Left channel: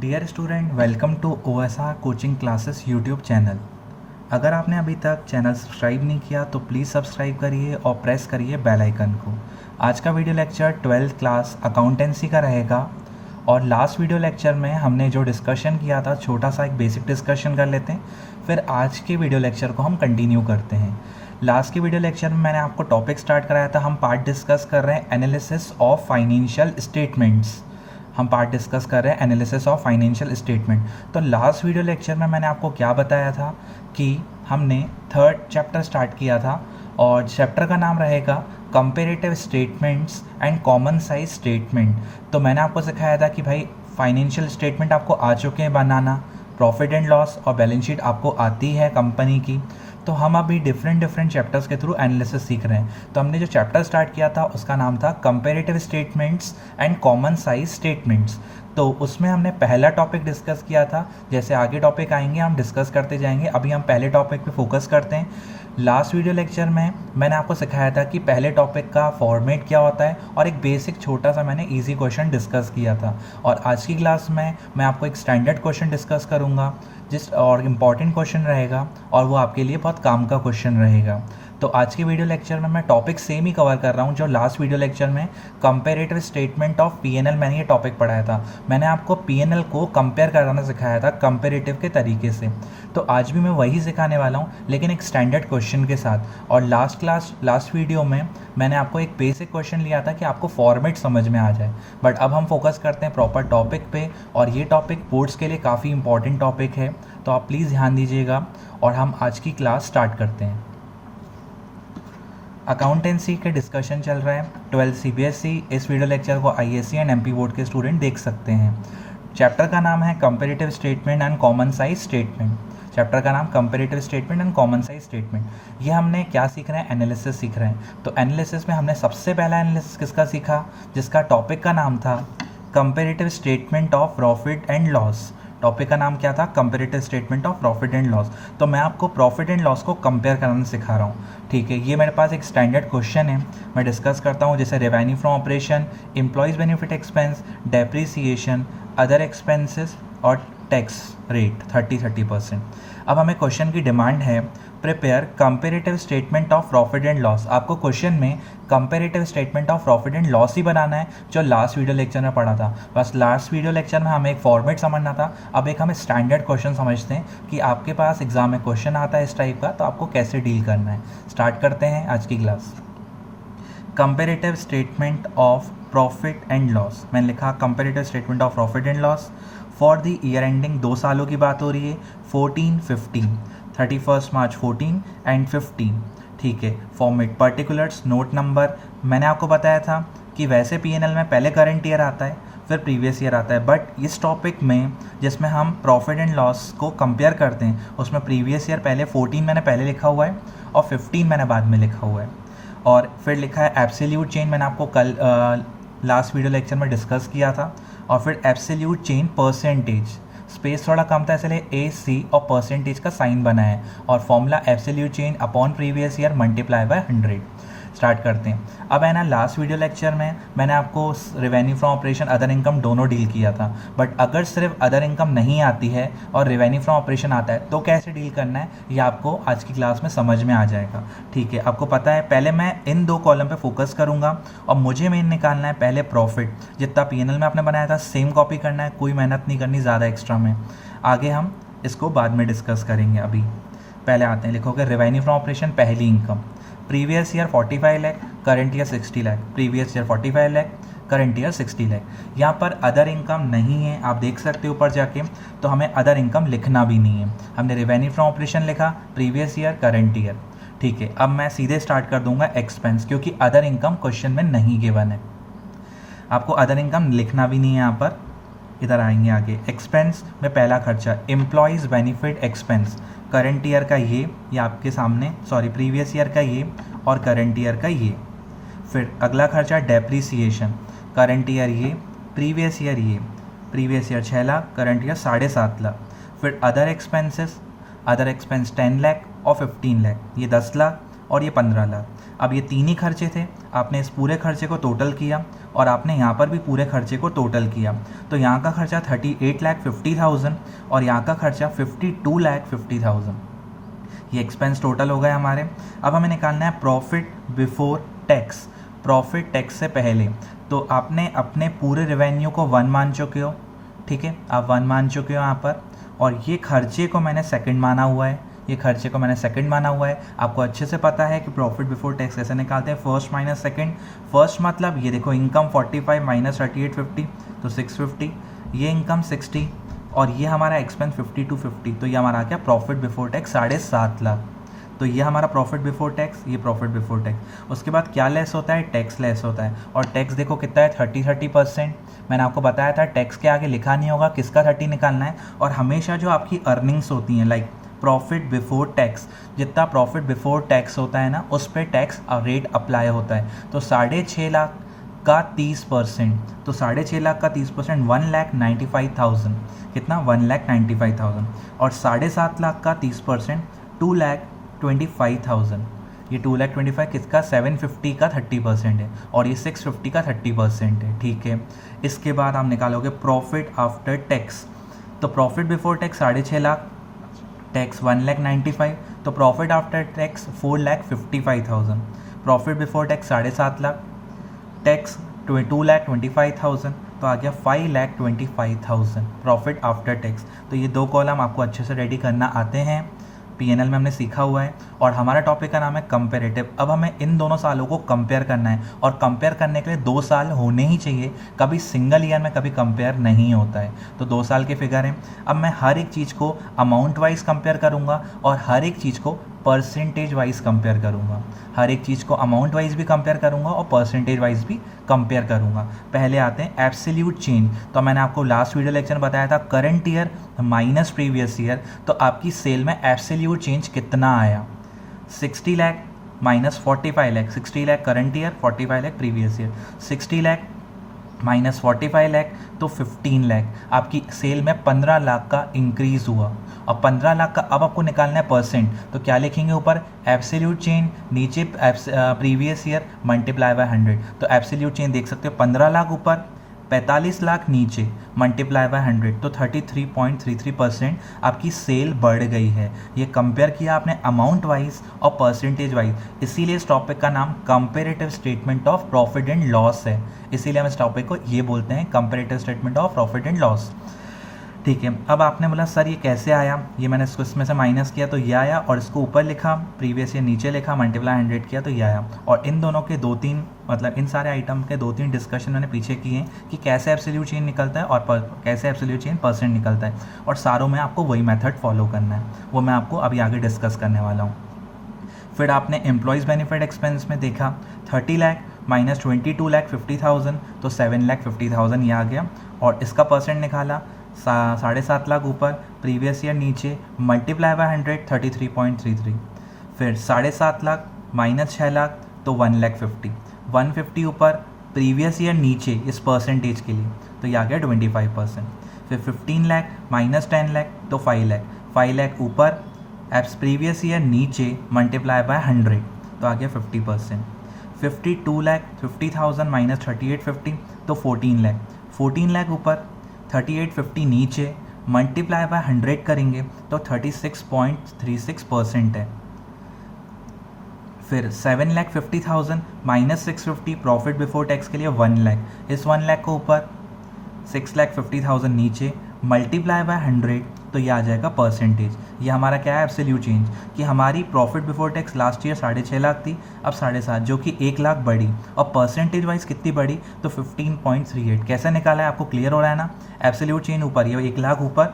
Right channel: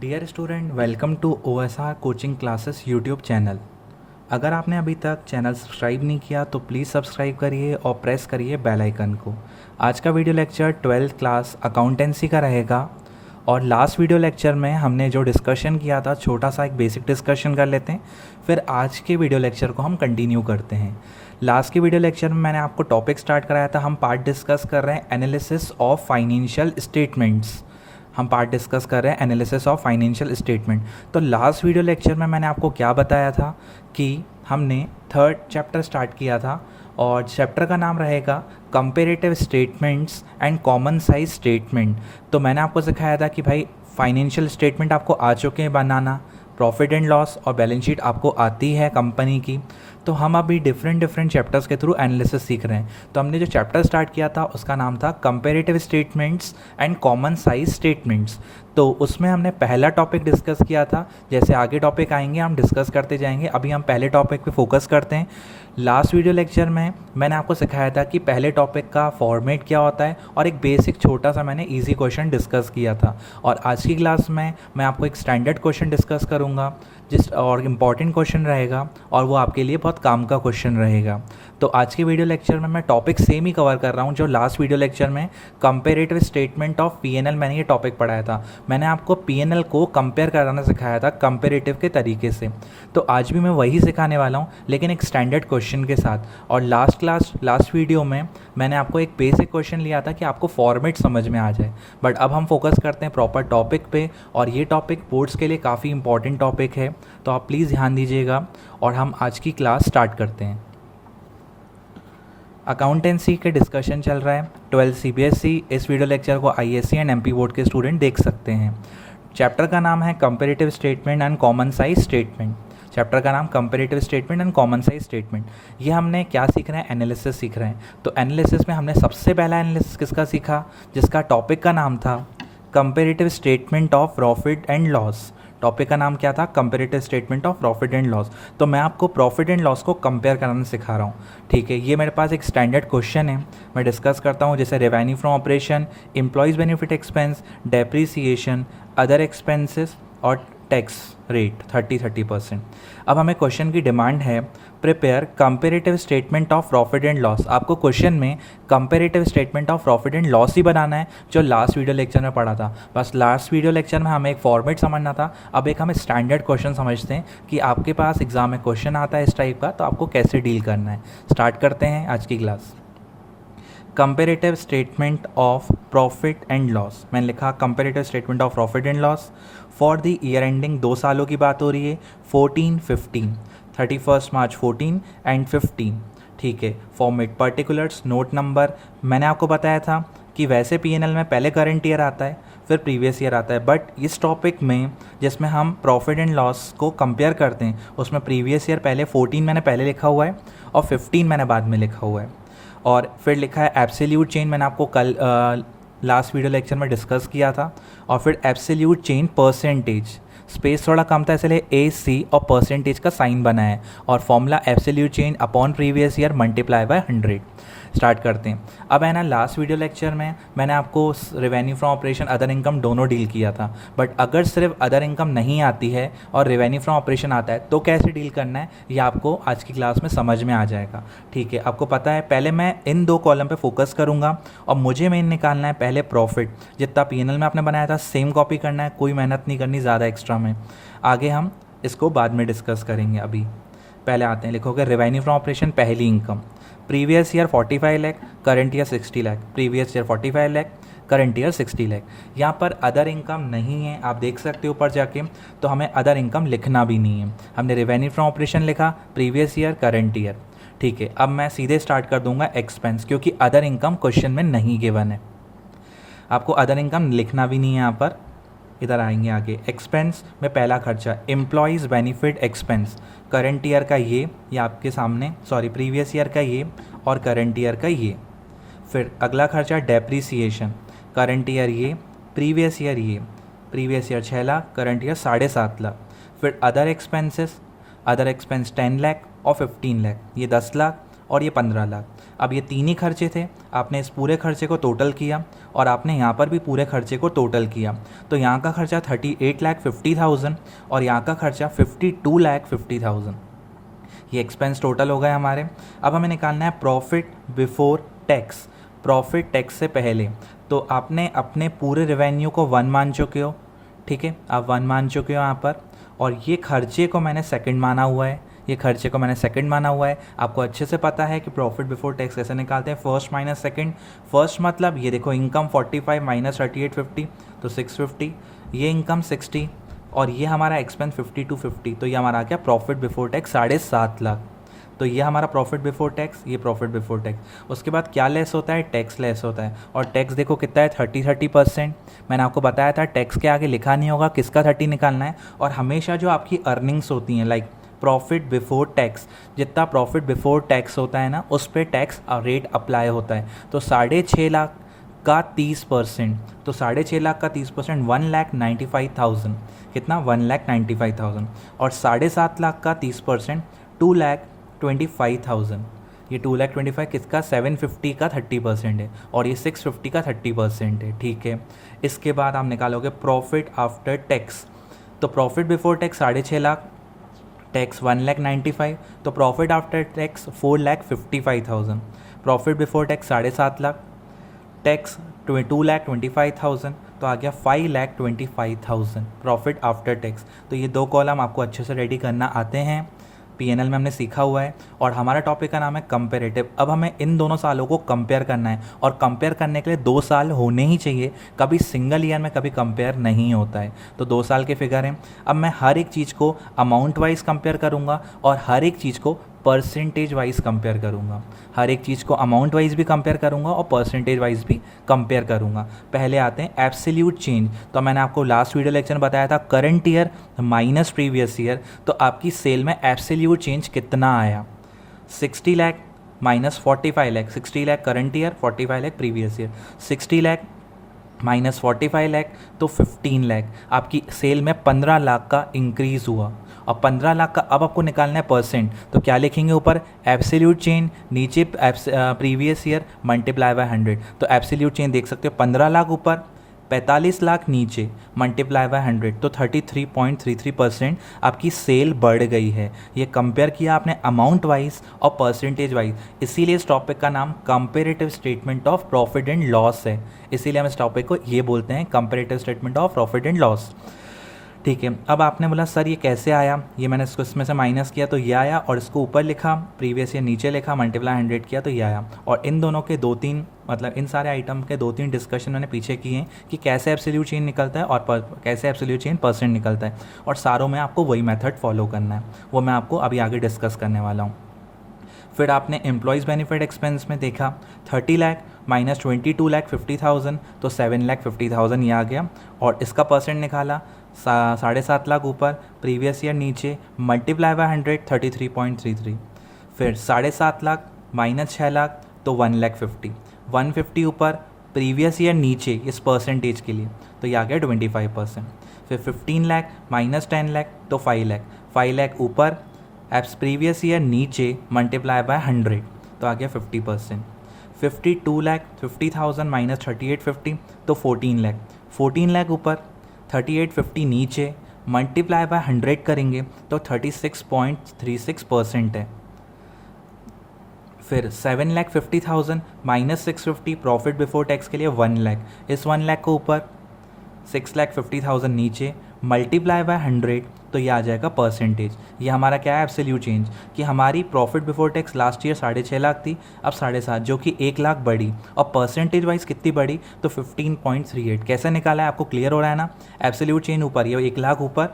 Dear student, welcome to OSR coaching classes YouTube channel. अगर आपने अभी तक चैनल सब्सक्राइब नहीं किया तो प्लीज़ सब्सक्राइब करिए और प्रेस करिए बेल आइकन को। आज का video lecture 12th class accountancy का रहेगा। और लास्ट वीडियो लेक्चर में हमने जो डिस्कशन किया था, छोटा सा एक बेसिक डिस्कशन कर लेते हैं, फिर आज के वीडियो लेक्चर को हम कंटिन्यू करते हैं। लास्ट के वीडियो लेक्चर में मैंने आपको टॉपिक स्टार्ट कराया था, हम पार्ट डिस्कस कर रहे हैं एनालिसिस ऑफ फाइनेंशियल स्टेटमेंट्स। हम पार्ट डिस्कस कर रहे हैं एनालिसिस ऑफ फाइनेंशियल स्टेटमेंट। तो लास्ट वीडियो लेक्चर में मैंने आपको क्या बताया था कि हमने थर्ड चैप्टर स्टार्ट किया था और चैप्टर का नाम रहेगा comparative statements and common size statement. तो मैंने आपको सिखाया था कि भाई फाइनेंशियल स्टेटमेंट आपको आ चुके हैं बनाना, प्रॉफिट एंड लॉस और बैलेंस शीट आपको आती है कंपनी की। तो हम अभी डिफरेंट चैप्टर्स के थ्रू एनालिसिस सीख रहे हैं। तो हमने जो चैप्टर स्टार्ट किया था उसका नाम था comparative statements and common size statements. तो उसमें हमने पहला टॉपिक डिस्कस किया था। जैसे आगे टॉपिक आएंगे हम डिस्कस करते जाएंगे, अभी हम पहले टॉपिक पे फोकस करते हैं। लास्ट वीडियो लेक्चर में मैंने आपको सिखाया था कि पहले टॉपिक का फॉर्मेट क्या होता है और एक बेसिक छोटा सा मैंने इजी क्वेश्चन डिस्कस किया था। और आज की क्लास में मैं आपको एक स्टैंडर्ड क्वेश्चन डिस्कस करूँगा और इम्पॉर्टेंट क्वेश्चन रहेगा और वो आपके लिए बहुत काम का क्वेश्चन रहेगा। तो आज की वीडियो लेक्चर में मैं टॉपिक सेम ही कवर कर रहा हूँ जो लास्ट वीडियो लेक्चर में कंपेरेटिव स्टेटमेंट ऑफ पीएनएल मैंने ये टॉपिक पढ़ाया था। मैंने आपको पीएनएल को कंपेयर कराना सिखाया था कंपेरेटिव के तरीके से। तो आज भी मैं वही सिखाने वाला हूँ लेकिन एक स्टैंडर्ड क्वेश्चन के साथ। और लास्ट वीडियो में मैंने आपको एक बेसिक क्वेश्चन लिया था कि आपको फॉर्मेट समझ में आ जाए। बट अब हम फोकस करते हैं प्रॉपर टॉपिक पे और ये टॉपिक बोर्ड्स के लिए काफ़ी इंपॉर्टेंट टॉपिक है, तो आप प्लीज़ ध्यान दीजिएगा। और हम आज की क्लास स्टार्ट करते हैं। अकाउंटेंसी के डिस्कशन चल रहा है 12 CBSE। इस वीडियो लेक्चर को ISC एंड MP बोर्ड के स्टूडेंट देख सकते हैं। चैप्टर का नाम है comparative statement and common size statement. Chapter का नाम comparative statement and common size statement. ये हमने क्या सीख रहे हैं? एनालिसिस सीख रहे हैं। तो एनालिसिस में हमने सबसे पहला एनालिसिस किसका सीखा, जिसका टॉपिक का नाम था comparative statement of profit and loss. Topic का नाम क्या था? Comparative statement of profit and loss. तो मैं आपको प्रॉफिट एंड लॉस को कंपेयर कराना सिखा रहा हूँ। ठीक है, ये मेरे पास एक स्टैंडर्ड क्वेश्चन है, मैं डिस्कस करता हूँ। जैसे revenue from operation, employees benefit expense, depreciation, other expenses और टैक्स रेट 30%। अब हमें क्वेश्चन की डिमांड है prepare comparative statement of profit and loss. आपको क्वेश्चन में comparative statement of profit and loss ही बनाना है जो लास्ट वीडियो लेक्चर में पढ़ा था। बस लास्ट वीडियो लेक्चर में हमें एक फॉर्मेट समझना था, अब एक हम स्टैंडर्ड क्वेश्चन समझते हैं कि आपके पास एग्जाम में क्वेश्चन आता है इस टाइप का तो आपको कैसे डील करना है। स्टार्ट करते हैं आज की class. Comparative statement of profit and loss, मैंने लिखा comparative statement of profit and loss for the year ending. 2 सालों की बात हो रही है, 14-15, 31 मार्च 14 एंड 15। ठीक है, फॉर्मेट पर्टिकुलर्स, नोट नंबर। मैंने आपको बताया था कि वैसे पीएनएल में पहले करंट ईयर आता है फिर प्रीवियस ईयर आता है, बट इस टॉपिक में जिसमें हम प्रॉफिट एंड लॉस को कंपेयर करते हैं उसमें प्रीवियस ईयर पहले 14 मैंने पहले लिखा हुआ है और 15 मैंने बाद में लिखा हुआ है। और फिर लिखा है एब्सोल्यूट चेंज, मैंने आपको कल लास्ट वीडियो लेक्चर में डिस्कस किया था। और फिर एब्सोल्यूट चेंज परसेंटेज, स्पेस थोड़ा कम था इसलिए AC और परसेंटेज का साइन बना है और formula absolute change upon previous year multiply by 100। Start करते हैं। अब है ना, लास्ट वीडियो लेक्चर में मैंने आपको revenue from operation, other income दोनों डील किया था। बट अगर सिर्फ अदर इनकम नहीं आती है और रेवेन्यू फ्रॉम ऑपरेशन आता है तो कैसे डील करना है ये आपको आज की क्लास में समझ में आ जाएगा। ठीक है, आपको पता है पहले मैं इन 2 कॉलम पे फोकस करूंगा और मुझे मेन निकालना है पहले प्रॉफिट। जितना पीएनएल में आपने बनाया था सेम कॉपी करना है, कोई मेहनत नहीं करनी ज़्यादा एक्स्ट्रा में। आगे हम इसको बाद में डिस्कस करेंगे। अभी पहले आते हैं, लिखोगे रेवेन्यू फ्रॉम ऑपरेशन पहली income, previous year 45 lakh, current year 60 lakh. Previous year 45 lakh, current year 60 lakh. यहाँ पर अदर इनकम नहीं है, आप देख सकते हो ऊपर जाके, तो हमें अदर इनकम लिखना भी नहीं है। हमने रेवेन्यू फ्रॉम ऑपरेशन लिखा, प्रीवियस ईयर, करंट ईयर। ठीक है, अब मैं सीधे स्टार्ट कर दूंगा एक्सपेंस, क्योंकि अदर इनकम क्वेश्चन में नहीं गिवन है। आपको अदर इनकम लिखना भी नहीं है यहाँ पर। इधर आएंगे आगे, एक्सपेंस में पहला खर्चा employees benefit expense, current year का ये आपके सामने, सॉरी प्रीवियस ईयर का ये और करंट ईयर का ये। फिर अगला खर्चा डेप्रीसिएशन, करंट ईयर ये, प्रीवियस ईयर ये। Previous year 6 lakh, current year 7.5 lakh. फिर other expenses, other expense 10 lakh और 15 लाख, ये 10 लाख और ये 15 लाख। अब ये तीन ही खर्चे थे, आपने इस पूरे खर्चे को टोटल किया और आपने यहाँ पर भी पूरे खर्चे को टोटल किया, तो यहाँ का खर्चा 38,50,000 और यहाँ का खर्चा 52,50,000। ये एक्सपेंस टोटल हो गए हमारे। अब हमें निकालना है profit before tax, profit tax से पहले। तो आपने अपने पूरे रेवेन्यू को 1 मान चुके हो, ठीक है, आप 1 मान चुके हो यहाँ पर, और ये खर्चे को मैंने सेकंड माना हुआ है, ये खर्चे को मैंने सेकंड माना हुआ है। आपको अच्छे से पता है कि प्रॉफिट बिफोर टैक्स कैसे निकालते हैं, फर्स्ट माइनस सेकंड। फर्स्ट मतलब ये देखो इनकम 45 माइनस 3850 तो 650, ये इनकम 60 और ये हमारा एक्सपेंस 5250, तो ये हमारा आ गया प्रॉफिट बिफोर टैक्स 7.5 लाख। तो ये हमारा प्रॉफिट बिफोर टैक्स, ये प्रॉफिट बिफोर टैक्स। उसके बाद क्या लेस होता है, टैक्स लेस होता है, और टैक्स देखो कितना है 30%। मैंने आपको बताया था टैक्स के आगे लिखा नहीं होगा किसका 30 निकालना है, और हमेशा जो आपकी अर्निंग्स होती हैं लाइक प्रॉफिट बिफोर टैक्स, जितना प्रॉफिट बिफोर टैक्स होता है ना उस पर टैक्स रेट अप्लाई होता है। तो 6.5 लाख का 30%, तो 6.5 लाख का 30% 1,95,000, कितना 1,95,000, और 7.5 लाख का 30% 2,25,000। ये 2,25,000 किसका 750 का 30% है, और ये 650 का 30% है, ठीक है। इसके बाद आप निकालोगे प्रॉफिट आफ्टर टैक्स, तो profit before tax 6.5 lakh, tax 1,95,000, तो profit after tax 4,55,000, profit before tax 7.5 lakh, tax 2,25,000, तो आ गया 5,25,000 प्रॉफिट आफ्टर टैक्स। तो ये दो कॉलम आपको अच्छे से रेडी करना आते हैं, पीएनएल में हमने सीखा हुआ है, और हमारा टॉपिक का नाम है कंपेरेटिव। अब हमें इन दोनों सालों को कंपेयर करना है, और कंपेयर करने के लिए 2 साल होने ही चाहिए, कभी सिंगल ईयर में कभी कंपेयर नहीं होता है। तो 2 साल के फिगर हैं। अब मैं हर एक चीज़ को अमाउंट वाइज कंपेयर करूँगा और हर एक चीज़ को परसेंटेज वाइज कंपेयर करूँगा, हर एक चीज़ को अमाउंट वाइज भी कंपेयर करूँगा और परसेंटेज वाइज भी कंपेयर करूँगा। पहले आते हैं एब्सोल्यूट चेंज। तो मैंने आपको लास्ट वीडियो लेक्चर में बताया था current year minus previous year, तो आपकी सेल में एब्सोल्यूट चेंज कितना आया, 60 lakh minus 45 lakh, 60 lakh current year, 45 lakh previous year, 60 lakh minus 45 lakh तो 15 लाख। आपकी सेल में 15 लाख का इंक्रीज़ हुआ, और 15 लाख का अब आपको निकालना है परसेंट, तो क्या लिखेंगे ऊपर एब्सोल्यूट चेंज, नीचे प्रीवियस ईयर मल्टीप्लाई बाय 100। तो एब्सोल्यूट चेंज देख सकते हो 15 लाख ऊपर, 45 लाख नीचे, मल्टीप्लाई बाय 100, तो 33.33% आपकी सेल बढ़ गई है। ये कंपेयर किया आपने अमाउंट वाइज और परसेंटेज वाइज, इसीलिए इस टॉपिक का नाम comparative statement of profit and loss है। इसीलिए हम इस टॉपिक को ये बोलते हैं comparative statement of profit and loss, ठीक है। अब आपने बोला सर ये कैसे आया, ये मैंने इसको इसमें से माइनस किया तो ये आया, और इसको ऊपर लिखा, प्रीवियस ईयर नीचे लिखा, मल्टीप्लाई 100 किया तो ये आया। और इन दोनों के 2-3 मतलब इन सारे आइटम के 2-3 डिस्कशन मैंने पीछे किए हैं कि कैसे एब्सोल्यूट चेंज निकलता है और कैसे एब्सोल्यूट चेंज परसेंट निकलता है, और सारों में आपको वही मेथड फॉलो करना है, वो मैं आपको अभी आगे डिस्कस करने वाला हूँ। फिर आपने एम्प्लॉयज़ बेनिफिट एक्सपेंस में देखा 30 लाख माइनस 22,50,000 तो 7,50,000 ये आ गया, और इसका परसेंट निकाला 7.5 लाख ऊपर, प्रीवियस ईयर नीचे, मल्टीप्लाई बाय 100 33.33। फिर 7.5 लाख माइनस 6 लाख तो 1,50,000, 150 ऊपर, प्रीवियस ईयर नीचे इस परसेंटेज के लिए, तो ये आ गया 25%। फिर 15 लाख माइनस 10 लाख तो 5 लाख, 5 लाख ऊपर, एप्स प्रीवियस ईयर नीचे, मल्टीप्लाई बाय 100 तो आ गया 50%। 52,50,000 माइनस 3850 तो 14 लाख, 14 लाख ऊपर, 3850 नीचे, मल्टीप्लाई बाय 100 करेंगे तो 36.36% है। फिर 7,50,000 माइनस 650 प्रॉफिट बिफोर टैक्स के लिए 1 लाख, इस 1 लाख को ऊपर, 6,50,000 नीचे, मल्टीप्लाई बाय 100 तो ये आ जाएगा परसेंटेज। ये हमारा क्या है एब्सोल्यूट चेंज, कि हमारी profit before tax last year 6.5 lakh थी, अब 7.5, जो कि 1 लाख बढ़ी, और परसेंटेज वाइज कितनी बढ़ी तो 15.38। कैसे निकाला है आपको क्लियर हो रहा है ना, एब्सोल्यूट चेंज ऊपर, ये 1 लाख ऊपर,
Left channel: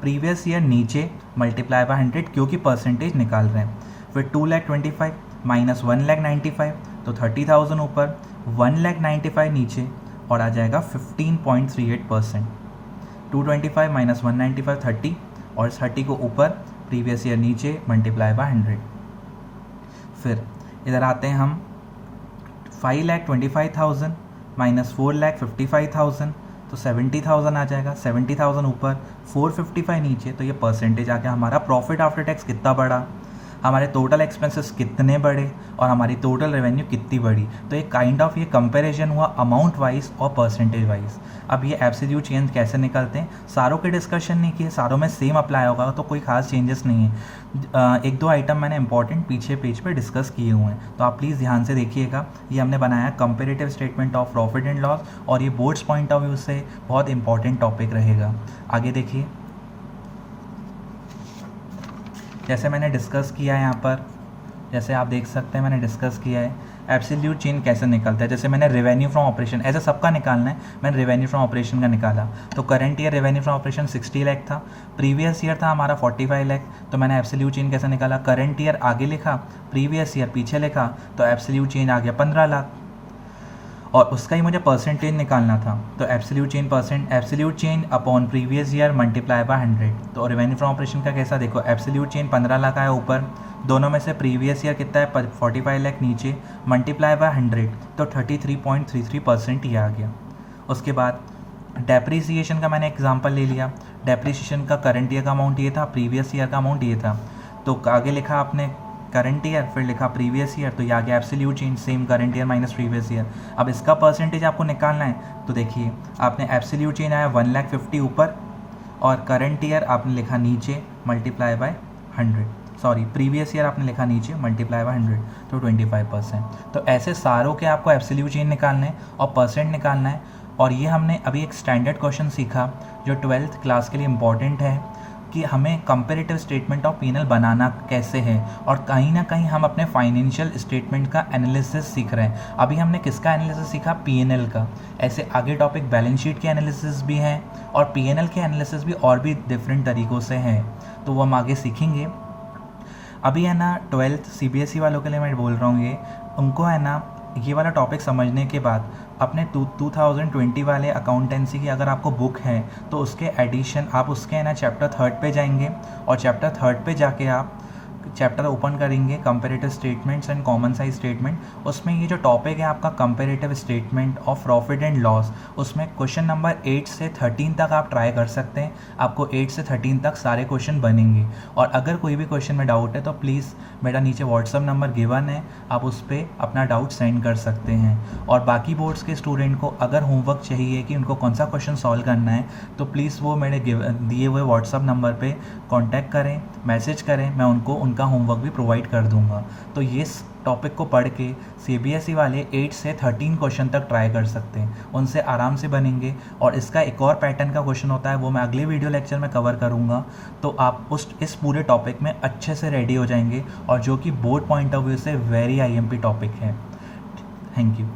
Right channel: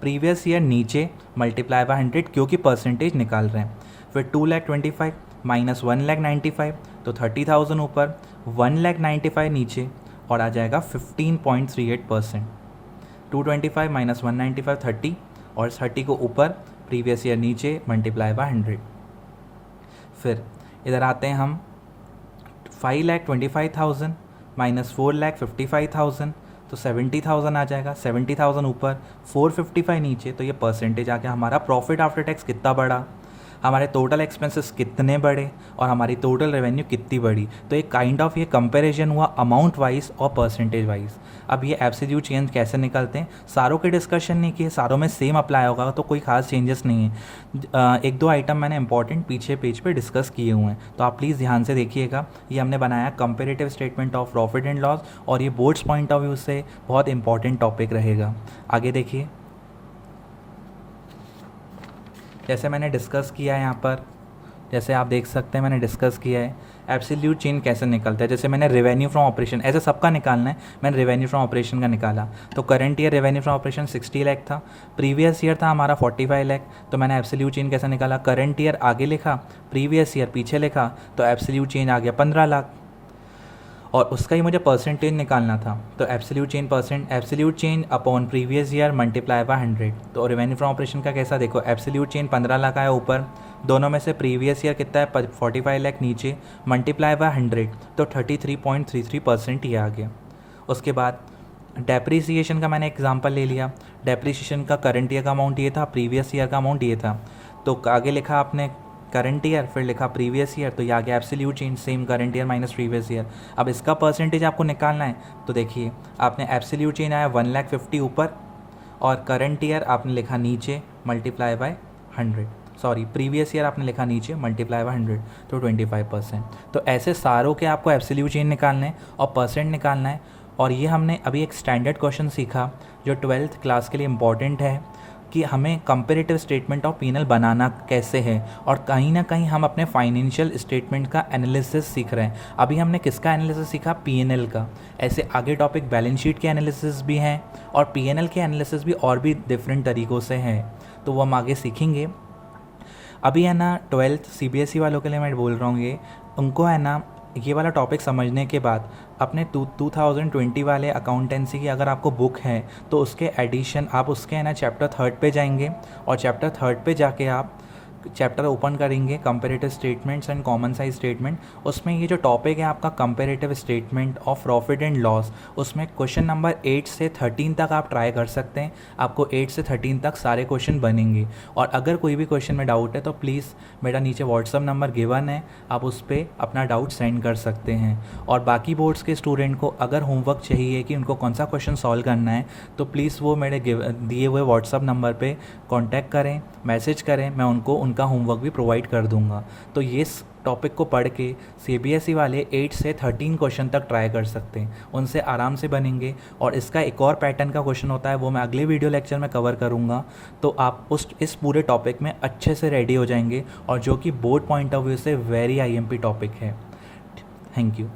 प्रीवियस ईयर नीचे, मल्टीप्लाई बाय 100 क्योंकि परसेंटेज निकाल रहे हैं। फिर 2,25,000 माइनस 1,95,000 तो 30,000 ऊपर, 1,95,000 नीचे, और आ जाएगा 15.38%। 225 माइनस 195 30, और 30 को ऊपर, प्रीवियस ईयर नीचे, मल्टीप्लाई बाय 100। फिर इधर आते हैं हम, 5,25,000 माइनस 4,55,000 तो 70,000 आ जाएगा, 70,000 ऊपर, 455 नीचे, तो ये परसेंटेज आ गया हमारा। प्रॉफिट आफ्टर टैक्स कितना बढ़ा, हमारे टोटल एक्सपेंसेस कितने बढ़े और हमारी टोटल रेवेन्यू कितनी बढ़ी। तो एक काइंड ऑफ ये कंपैरिजन हुआ अमाउंट वाइज और परसेंटेज वाइज। अब ये एब्सोल्यूट चेंज कैसे निकलते हैं, सारों के डिस्कशन नहीं किए, सारों में सेम अप्लाई होगा तो कोई खास चेंजेस नहीं है। एक दो आइटम मैंने इंपॉर्टेंट पीछे पेज पे डिस्कस किए हुए हैं, तो आप प्लीज़ ध्यान से देखिएगा। ये हमने बनाया comparative statement of profit and loss, और ये बोर्ड्स पॉइंट ऑफ व्यू से बहुत इंपॉर्टेंट टॉपिक रहेगा। आगे देखिए, जैसे मैंने डिस्कस किया है यहाँ पर, जैसे आप देख सकते हैं मैंने डिस्कस किया है एब्सोल्यूट चेंज कैसे निकलता है। जैसे मैंने रेवेन्यू फ्रॉम ऑपरेशन, ऐसे सबका निकालना है, मैंने रेवेन्यू फ्रॉम ऑपरेशन का निकाला। तो current year revenue from operation 60 lakh था, प्रीवियस ईयर था हमारा 45 लाख। तो मैंने एब्सोल्यूट चेंज कैसे निकाला, करंट ईयर आगे लिखा, प्रीवियस ईयर पीछे लिखा, तो एब्सोल्यूट चेंज आ गया 15 लाख। और उसका ही मुझे परसेंटेज निकालना था, तो absolute change upon previous year multiply by 100। तो रेवेन्यू फ्रॉम ऑपरेशन का कैसा, देखो एब्सोल्यूट चेंज 15 लाख आया ऊपर, दोनों में से प्रीवियस ईयर कितना है 45 लाख नीचे, मल्टीप्लाई बाय 100, तो 33.33% ये आ गया। उसके बाद डेप्रीसिएशन का मैंने एग्जांपल ले लिया। डेप्रीसिएशन का करंट ईयर का अमाउंट ये था, प्रीवियस ईयर का अमाउंट ये था। तो आगे लिखा आपने करंट ईयर, फिर लिखा प्रीवियस ईयर, तो ये आ गया absolute change, same current year minus previous year. अब इसका परसेंटेज आपको निकालना है, तो देखिए आपने एब्सोल्यूट चेंज आया 1,50,000 ऊपर, और करंट ईयर आपने लिखा नीचे multiply by 100, sorry previous year आपने लिखा नीचे मल्टीप्लाई बाय 100, तो 25%। तो ऐसे सारों के आपको एब्सोल्यूट चेंज निकालना है और परसेंट निकालना है। और ये हमने अभी एक स्टैंडर्ड क्वेश्चन सीखा जो 12th क्लास के लिए इम्पॉर्टेंट है कि हमें कंपैरेटिव स्टेटमेंट ऑफ P&L बनाना कैसे है, और कहीं ना कहीं हम अपने फाइनेंशियल स्टेटमेंट का एनालिसिस सीख रहे हैं। अभी हमने किसका एनालिसिस सीखा, P&L का। ऐसे आगे टॉपिक बैलेंस शीट के एनालिसिस भी हैं और P&L के एनालिसिस भी और भी डिफरेंट तरीक़ों से हैं, तो वो हम आगे सीखेंगे। अभी है ना 12th CBSE वालों के लिए मैं बोल रहा हूँ, ये उनको है ना ये वाला टॉपिक समझने के बाद अपने 2020 वाले अकाउंटेंसी की अगर आपको बुक है तो उसके एडिशन आप उसके है ना चैप्टर 3 पे जाएंगे, और चैप्टर 3 पे जाके आप चैप्टर ओपन करेंगे comparative statements and common size statement. उसमें ये जो टॉपिक है आपका comparative statement of profit and loss, उसमें क्वेश्चन नंबर 8 से 13 तक आप ट्राई कर सकते हैं। आपको 8 से 13 तक सारे क्वेश्चन बनेंगे। और अगर कोई भी क्वेश्चन में डाउट है तो प्लीज़ मेरा नीचे व्हाट्सअप नंबर गिवन है, आप उस पर अपना डाउट सेंड कर सकते हैं। और बाकी बोर्ड्स के स्टूडेंट को अगर होमवर्क चाहिए कि उनको कौन सा क्वेश्चन सॉल्व करना है, तो प्लीज़ वो मेरे दिए हुए व्हाट्सअप नंबर पे कांटेक्ट करें, मैसेज करें, मैं उनको उनका होमवर्क भी प्रोवाइड कर दूंगा। तो ये टॉपिक को पढ़ के CBSE वाले 8 से 13 क्वेश्चन तक ट्राई कर सकते हैं, उनसे आराम से बनेंगे। और इसका एक और पैटर्न का क्वेश्चन होता है, वो मैं अगले वीडियो लेक्चर में कवर करूँगा। तो आप इस पूरे टॉपिक में अच्छे से रेडी हो जाएंगे, और जो कि बोर्ड पॉइंट ऑफ व्यू से वेरी IMP टॉपिक है। Thank you.